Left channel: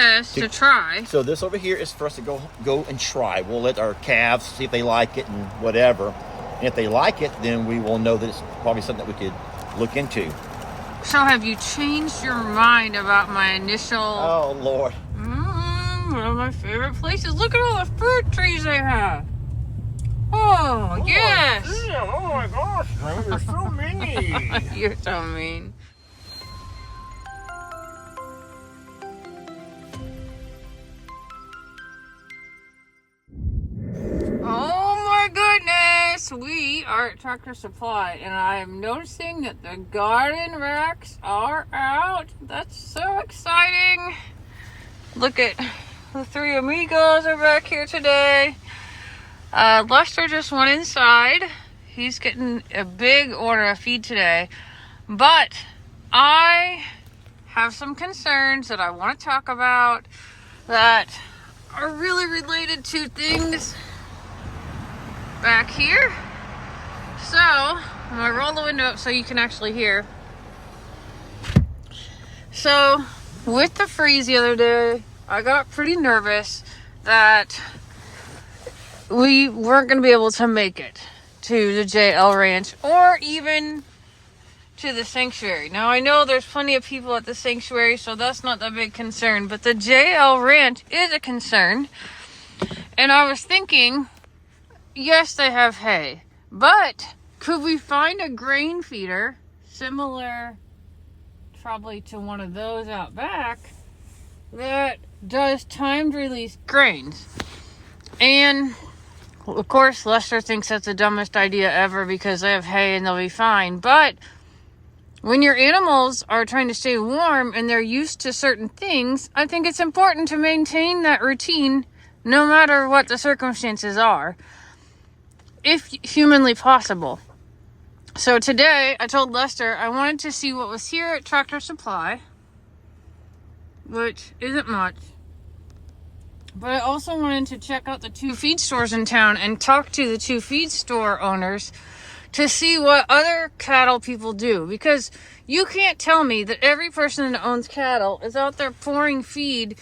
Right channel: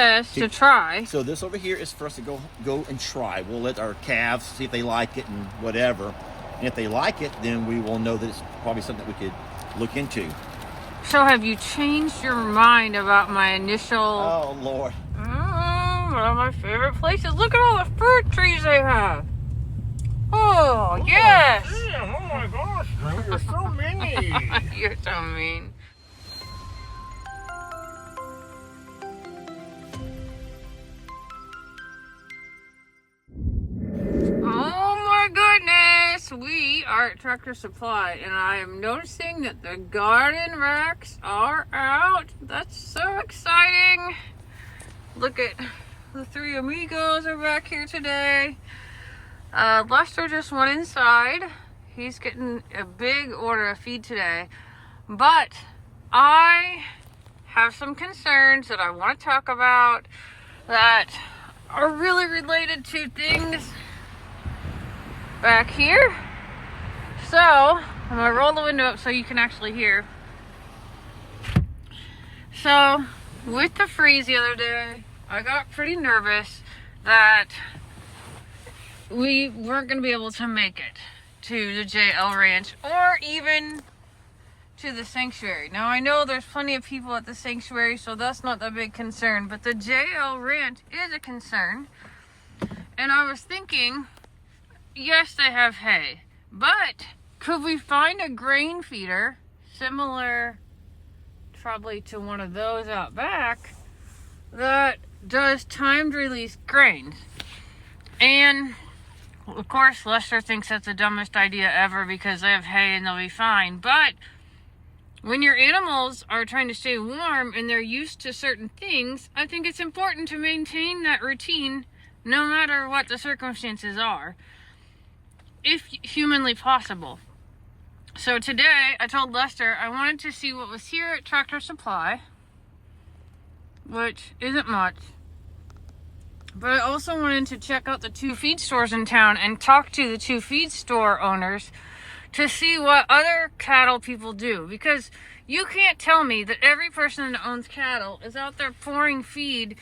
Yes, to try. So this over here is for us to go and try. We'll let our calves see if they like it and whatever. And if they like it, then we will know that it's probably something that we could look into. So have you changed your mind about my initial... Oh, Lord. One of my favorite places. Look at all the fruit trees they have. Oh, yes. Damn, oh my gosh, there's so many. You're so mean. Oh my goodness, we are at Tractor Supply and I am noticing that the garden racks are out. That's so exciting. Look at the three amigos are back here today. Lester just went inside. He's getting a big order of feed today, but I have some concerns that I want to talk about that are really related to things back here. So I'm gonna roll the window up so you can actually hear. So with the freeze the other day, I got pretty nervous that we weren't gonna be able to make it to the JL Ranch or even to the sanctuary. Now I know there's plenty of people at the sanctuary, so that's not the big concern, but the JL Ranch is a concern. And I was thinking, yes, they have hay, but could we find a grain feeder similar probably to one of those out back that does timed release grains? And of course Lester thinks that's the dumbest idea ever because they have hay and they'll be fine, but when your animals are trying to stay warm and they're used to certain things, I think it's important to maintain that routine no matter what the circumstances are, if humanly possible. So today I told Lester I wanted to see what was here at Tractor Supply, which isn't much, but I also wanted to check out the 2 feed stores in town and talk to the 2 feed store owners to see what other cattle people do, because you can't tell me that every person that owns cattle is out there pouring feed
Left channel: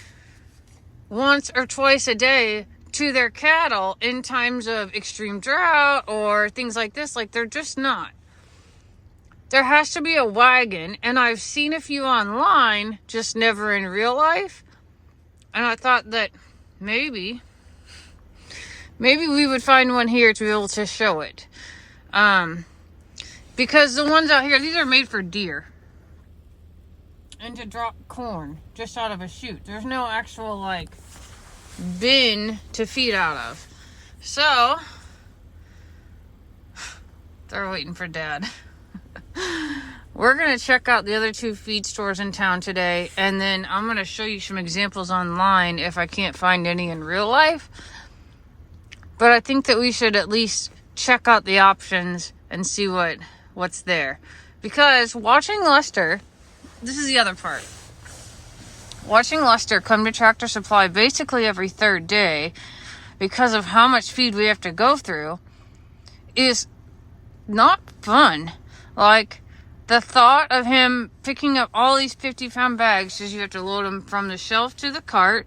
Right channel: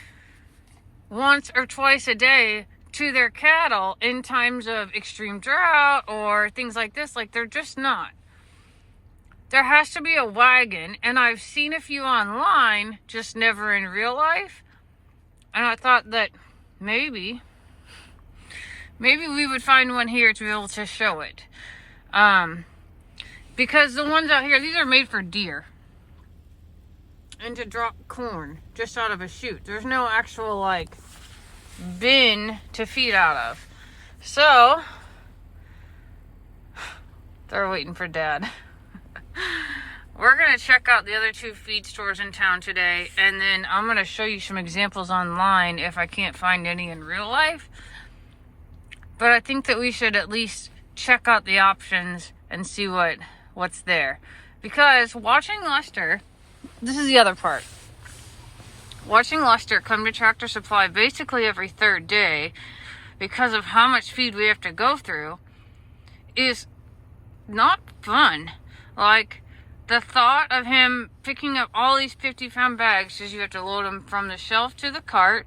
once or twice a day to their cattle in times of extreme drought or things like this. Like, they're just not. There has to be a wagon, and I've seen a few online, just never in real life. And I thought that maybe we would find one here to be able to show it. Because the ones out here, these are made for deer and to drop corn just out of a chute. There's no actual like bin to feed out of. So they're waiting for Dad. We're gonna check out the other 2 feed stores in town today, and then I'm gonna show you some examples online if I can't find any in real life. But I think that we should at least check out the options and see what's there. Because watching Lester, this is the other part. Watching Lester come to Tractor Supply basically every 3rd day because of how much feed we have to go through is not fun. Like, the thought of him picking up all these 50-pound bags, because you have to load them from the shelf to the cart,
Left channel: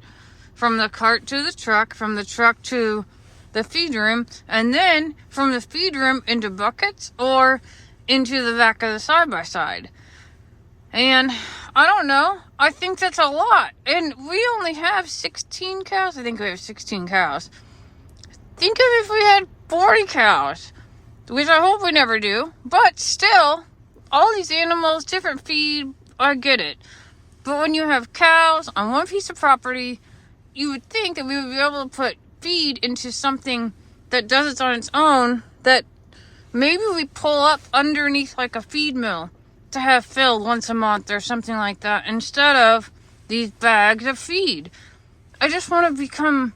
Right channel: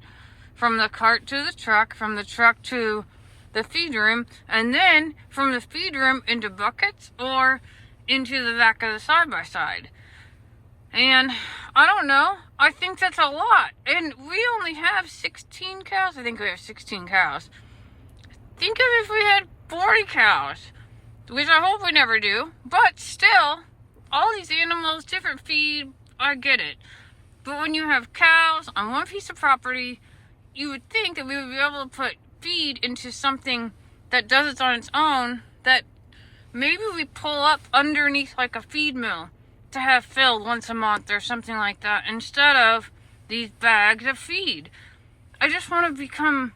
from the cart to the truck, from the truck to the feed room, and then from the feed room into buckets or into the back of the side-by-side. And I don't know, I think that's a lot. And we only have 16 cows. I think we have 16 cows. Think of if we had 40 cows, which I hope we never do. But still, all these animals, different feed, I get it. But when you have cows on one piece of property, you would think that we would be able to put feed into something that does it on its own, that maybe we pull up underneath like a feed mill to have filled once a month or something like that, instead of these bags of feed. I just want to become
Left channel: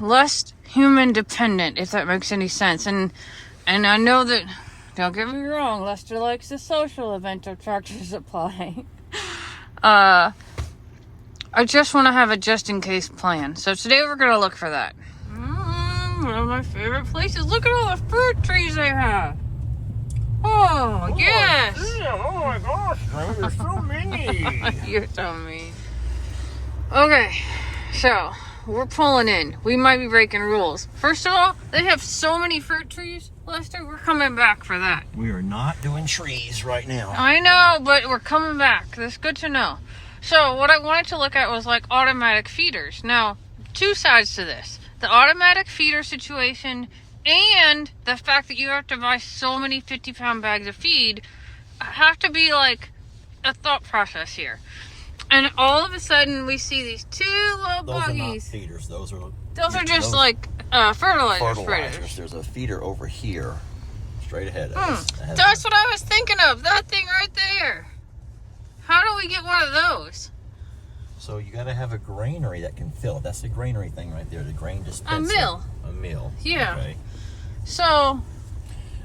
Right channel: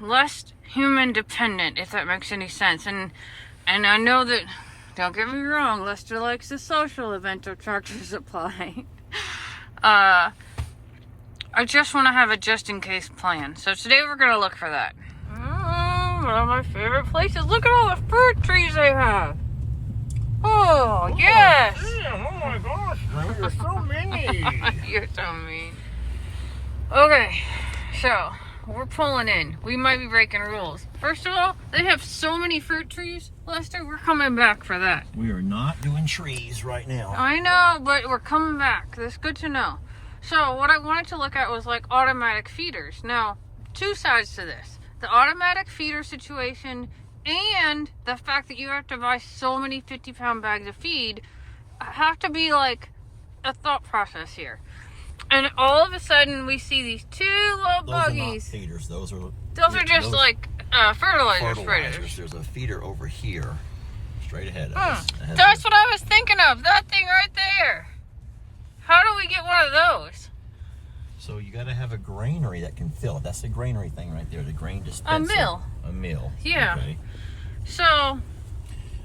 less human dependent, if that makes any sense. And I know that, don't get me wrong, Lester likes the social event of Tractor Supply. I just want to have a just-in-case plan. So today we're going to look for that. One of my favorite places. Look at all the fruit trees they have. Oh, yes. Damn, oh my gosh, there's so many. You're so mean. Okay, so we're pulling in. We might be breaking rules. First of all, they have so many fruit trees, Lester. We're coming back for that. We are not doing trees right now. I know, but we're coming back. That's good to know. So what I wanted to look at was like automatic feeders. Now, two sides to this. The automatic feeder situation and the fact that you have to buy so many 50-pound bags of feed have to be like a thought process here. And all of a sudden we see these two little Those are not buggies. feeders. Those are Just like fertilizer spreaders. fertilizers. There's a feeder over here, straight ahead of us. That's what I was thinking of. That thing right there. How do we get one of those? So you got to have a granary that can fill it. That's the granary thing right there. The grain dispenser. A mill. A mill. Yeah. Okay. So.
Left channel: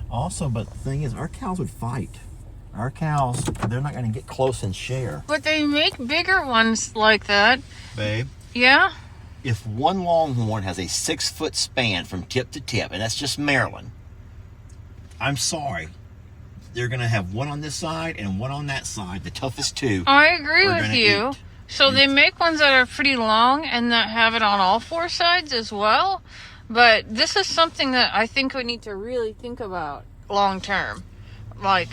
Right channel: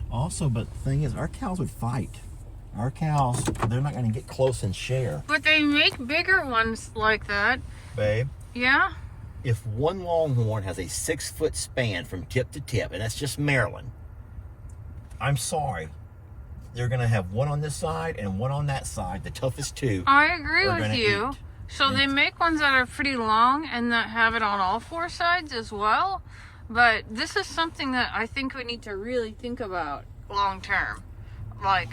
Also, but the thing is, our cows would fight. Our cows, they're not going to get close and share. But they make bigger ones like that. Babe. Yeah? If one longhorn has a 6-foot span from tip to tip, and that's just Maryland, I'm sorry. They're going to have one on this side and one on that side, the toughest two. I agree are with gonna you. eat. So they make ones that are pretty long and that have it on all four sides as well. But this is something that I think we need to really think about long term. Like,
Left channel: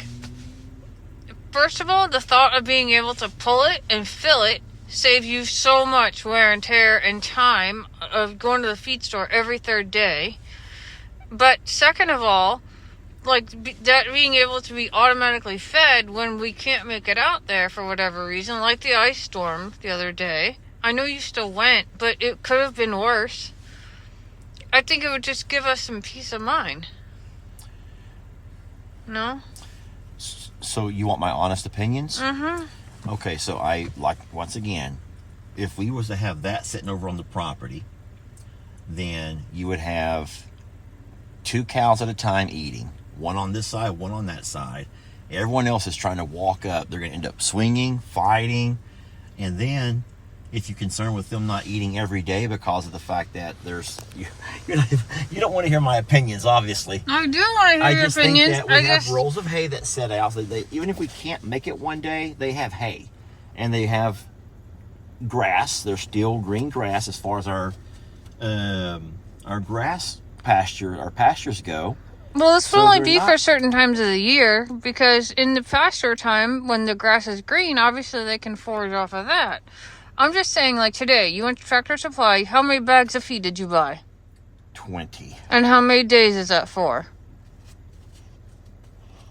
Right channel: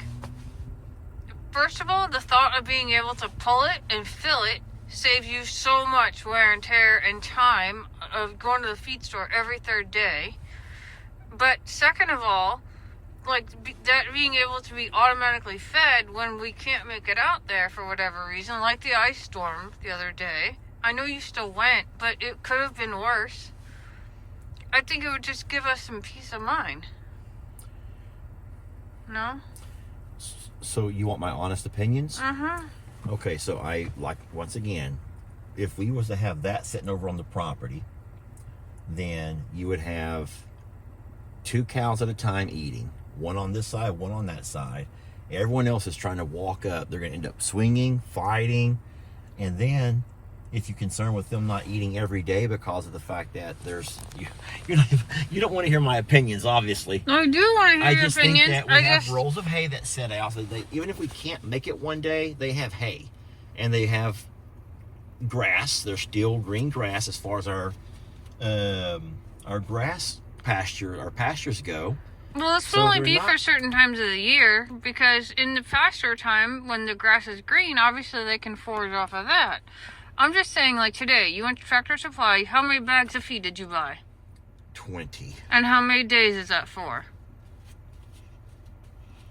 first of all, the thought of being able to pull it and fill it saves you so much wear and tear and time of going to the feed store every third day. But second of all, like that being able to be automatically fed when we can't make it out there for whatever reason, like the ice storm the other day. I know you still went, but it could have been worse. I think it would just give us some peace of mind. No? So you want my honest opinions? Mm-hmm. Okay, so I, like, once again, if we was to have that sitting over on the property, then you would have 2 cows at a time eating. One on this side, one on that side. Everyone else is trying to walk up. They're going to end up swinging, fighting. And then, if you're concerned with them not eating every day because of the fact that there's... You don't want to hear my opinions, obviously. I do want to hear your I just opinions. think that we have rolls of hay that set out. So even if we can't make it one day, they have hay. And they have grass. There's still green grass as far as our grass pasture, our pastures go. Well, this will So only they're be not- for certain times of the year, because in the pasture time, when the grass is green, obviously they can forage off of that. I'm just saying, like today, you went to Tractor Supply, how many bags of feed did you buy? 20, And how many days is that for?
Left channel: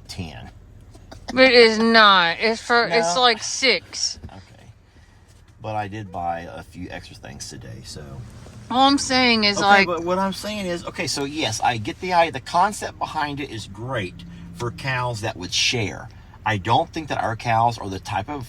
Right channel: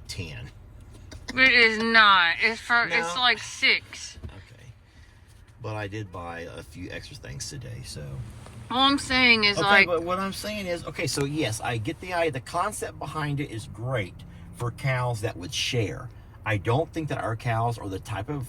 10. It is not. It's for, No. it's like 6. Okay. But I did buy a few extra things today, so... All I'm saying is Okay, like, but what I'm saying is, okay, so yes, I get the idea. The concept behind it is great for cows that would share. I don't think that our cows are the type of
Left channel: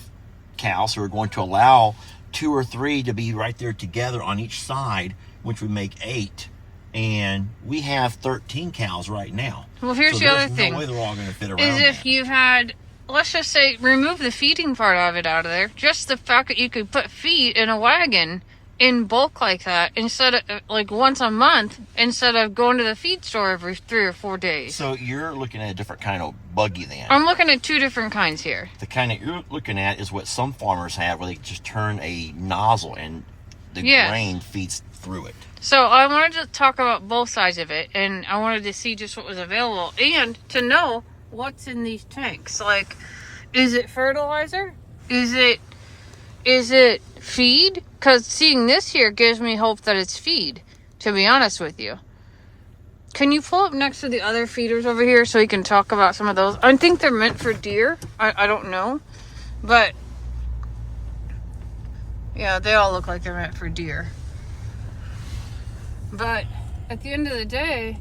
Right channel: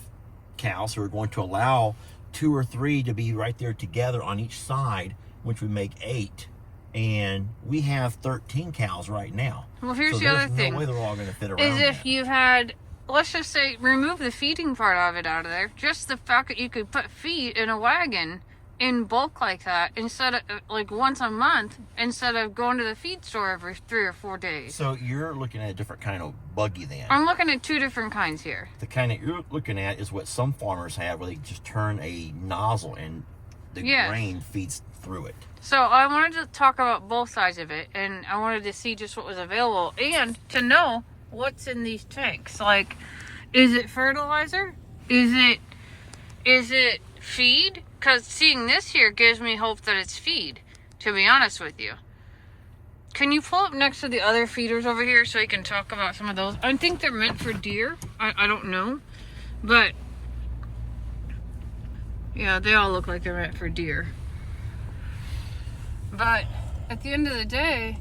cows who are going to allow 2 or 3 to be right there together on each side, which would make 8. And we have 13 cows right now. well, here's So the other there's thing. No way they're all going to fit around. Is if that. you had, let's just say, remove the feeding part of it out of there, just the fact that you could put feed in a wagon in bulk like that, instead of like once a month, instead of going to the feed store every 3 or 4 days. So you're looking at a different kind of buggy then. I'm looking at 2 different kinds here. The kind that you're looking at is what some farmers have, where they just turn a nozzle and the Yes. grain feeds through it. So I wanted to talk about both sides of it, and I wanted to see just what was available, and to know what's in these tanks. Like, is it fertilizer? Is it feed? Because seeing this here gives me hope that it's feed, to be honest with you. Can you pull up next to the other feeders over here so you can talk about some of those? I think they're meant for deer. I don't know. But, yeah, they all look like they're meant for deer. But at the end of the day,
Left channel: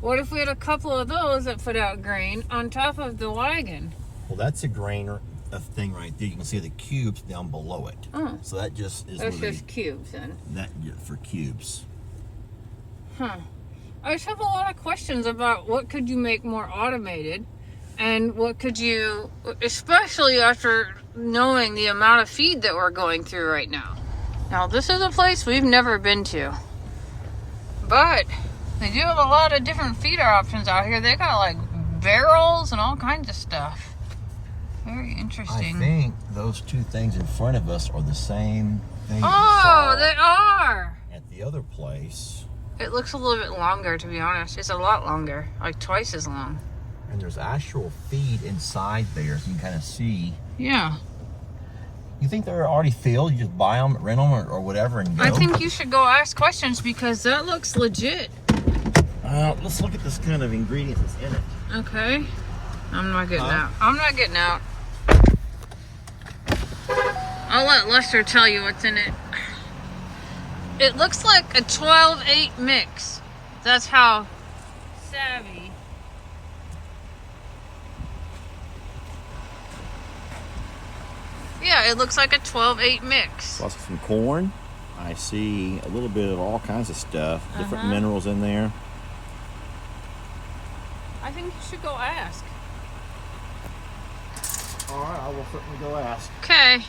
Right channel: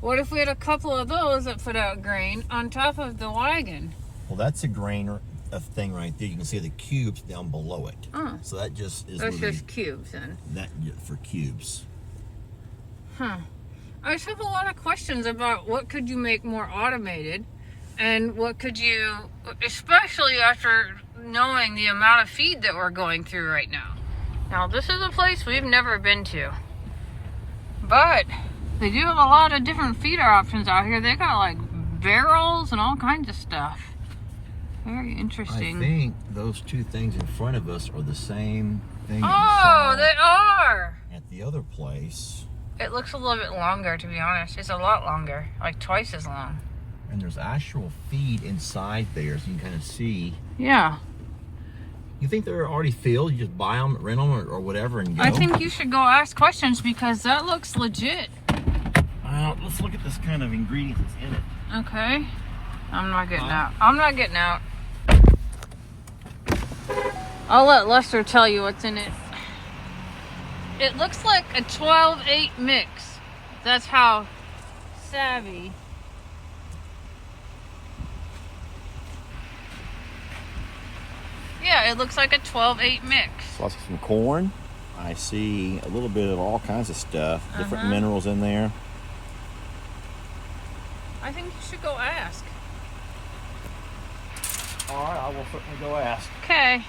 what if we had a couple of those that put out grain on top of the wagon? Well, that's a grain thing right there. You can see the cubes down below it. Oh, So that just is that's really just cubes then. that for cubes. Huh. I just have a lot of questions about what could you make more automated, and what could you, especially after knowing the amount of feed that we're going through right now. Now, this is a place we've never been to, but they do have a lot of different feeder options out here. They got like barrels and all kinds of stuff. Very interesting. I think those 2 things in front of us are the same thing. Oh, other place. It looks a little bit longer, to be honest. It's a lot longer, like twice as long. And there's actual feed inside there, so you can kind of see. Yeah. You think they're already filled? You just buy them, rent them, or whatever, and go? I think you should go ask questions because that looks legit. Let's look at this kind of ingredients that's in it. Okay. I'm not getting out. I'm not getting out. I'll let Lester tell you what's in it. It looks like a 12-8 mix. That's how savvy. Yeah, it looks like a 12-8 mix. Also some corn. I see a little bit of all kinds of stuff. Different minerals in there. I think you should go ask. All right, I will certainly go ask. Okay.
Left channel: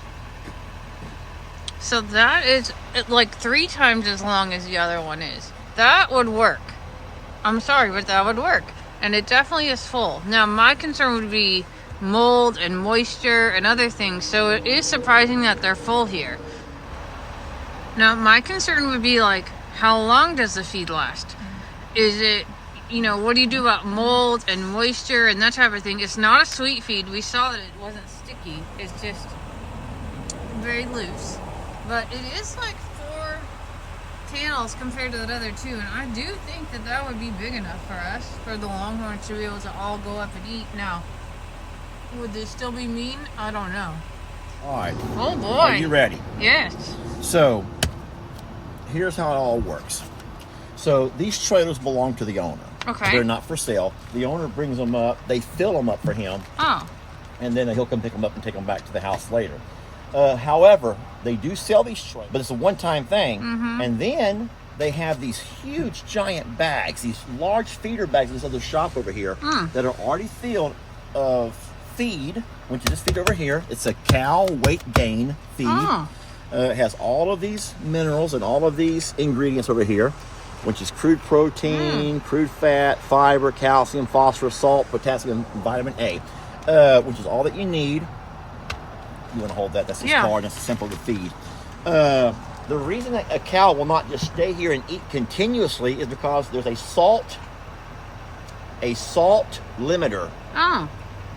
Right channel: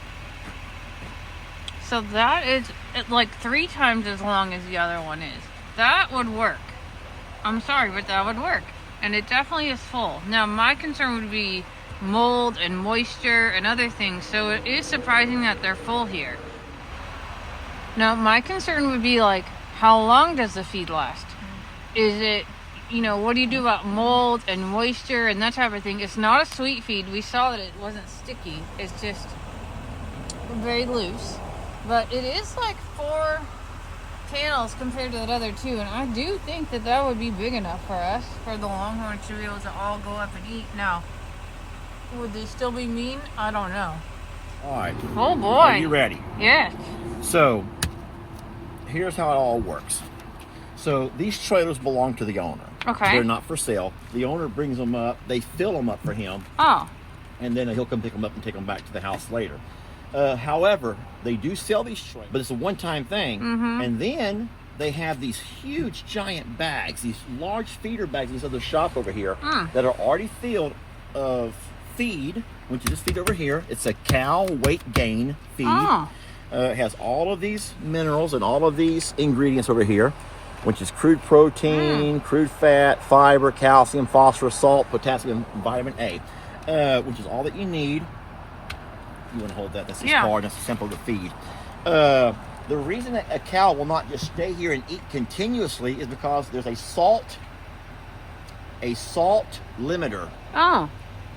So that is like 3 times as long as the other one is. That would work. I'm sorry, but that would work. And it definitely is full. Now, my concern would be mold and moisture and other things. So it is surprising that they're full here. Now, my concern would be like, how long does the feed last? Is it, you know, what do you do about mold and moisture and that type of thing? It's not a sweet feed. We saw that it wasn't sticky. It's just very loose. But it is like 4 panels compared to that other 2. And I do think that that would be big enough for us, for the Longhorns to be able to all go up and eat. Now, would they still be mean? I don't know. All right. Oh boy. Are you ready? Yes. So, here's how it all works. So, these trailers belong to the owner. Okay. They're not for sale. The owner brings them up. They fill them up for him. Oh. And then he'll come pick them up and take them back to the house later. However, they do sell these trailers, but it's a one-time thing. And then they have these huge, giant bags, these large feeder bags in this other shop over here that are already filled of feed, which is this feed over here. It's a cow weight gain feed. It has all of these minerals and all of these ingredients over here, which is crude protein, crude fat, fiber, calcium, phosphorus, salt, potassium, and vitamin A, which is all that you need. You want to hold that? That's his card. That's simple to feed. The reason that a cow will not just stay here and eat continuously is because there's a salt limiter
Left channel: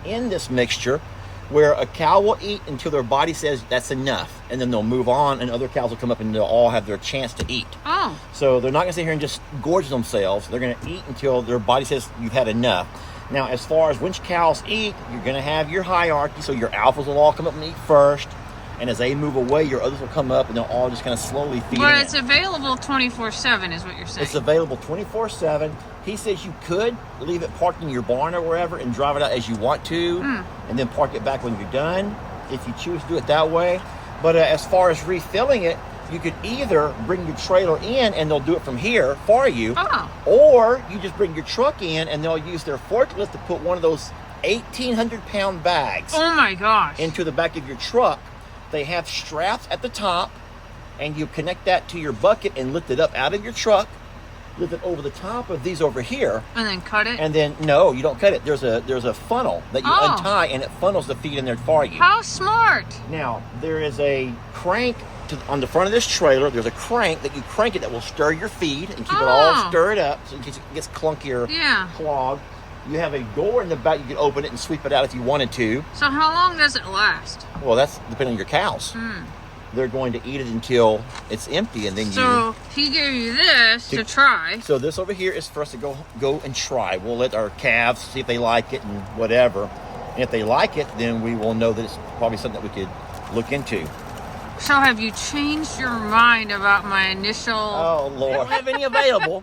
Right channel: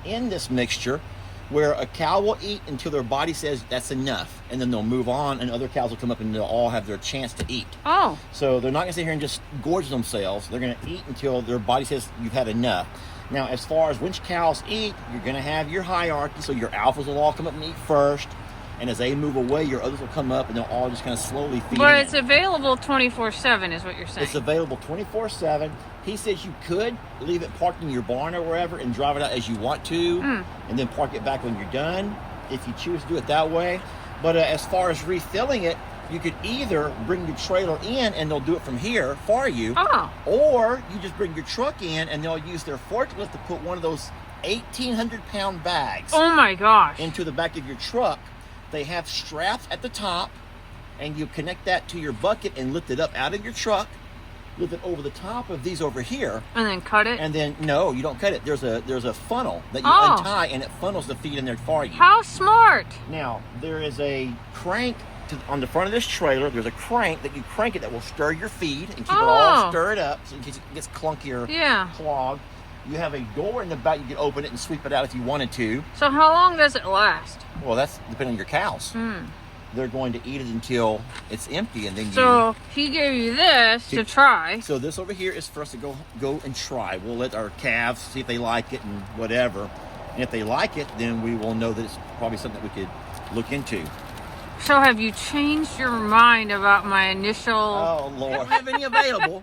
in this mixture, where a cow will eat until their body says that's enough, and then they'll move on, and other cows will come up and they'll all have their chance to eat. So they're not going to sit here and just gorge themselves. They're going to eat until their body says you've had enough. Now, as far as which cows eat, you're going to have your hierarchy. So your alphas will all come up and eat first. And as they move away, your others will come up and they'll all just kind of slowly feed. But it's available 24/7 is what you're saying. It's available 24/7. He says you could leave it parked in your barn or wherever and drive it out as you want to. And then park it back when you're done, if you choose to do it that way. But as far as refilling it, you could either bring your trailer in and they'll do it from here for you, or you just bring your truck in and they'll use their forklift to put one of those 1,800-pound bags into the back of your truck. They have straps at the top, and you connect that to your bucket and lift it up out of your truck, lift it over the top of these over here, and then cut it. And then no, you don't cut it. There's a funnel that you untie, and it funnels the feed in there for you. How smart! Now there is a crank on the front of this trailer. There's a crank that you crank it that will stir your feed and keep it all stirred up, so in case it gets clunky or clogged. You have a door in the back. You can open it and sweep it out if you wanted to. So how long does it last? Well, that's depending on your cows. They're going to eat it until it's empty, and then So he gave you this to try. So this over here is for us to go and try. We'll let our calves see if they like it and whatever. And if they like it, then we will know that it's probably something that we could look into. So have you changed your mind about my initial... Oh, Lord. I don't have any available.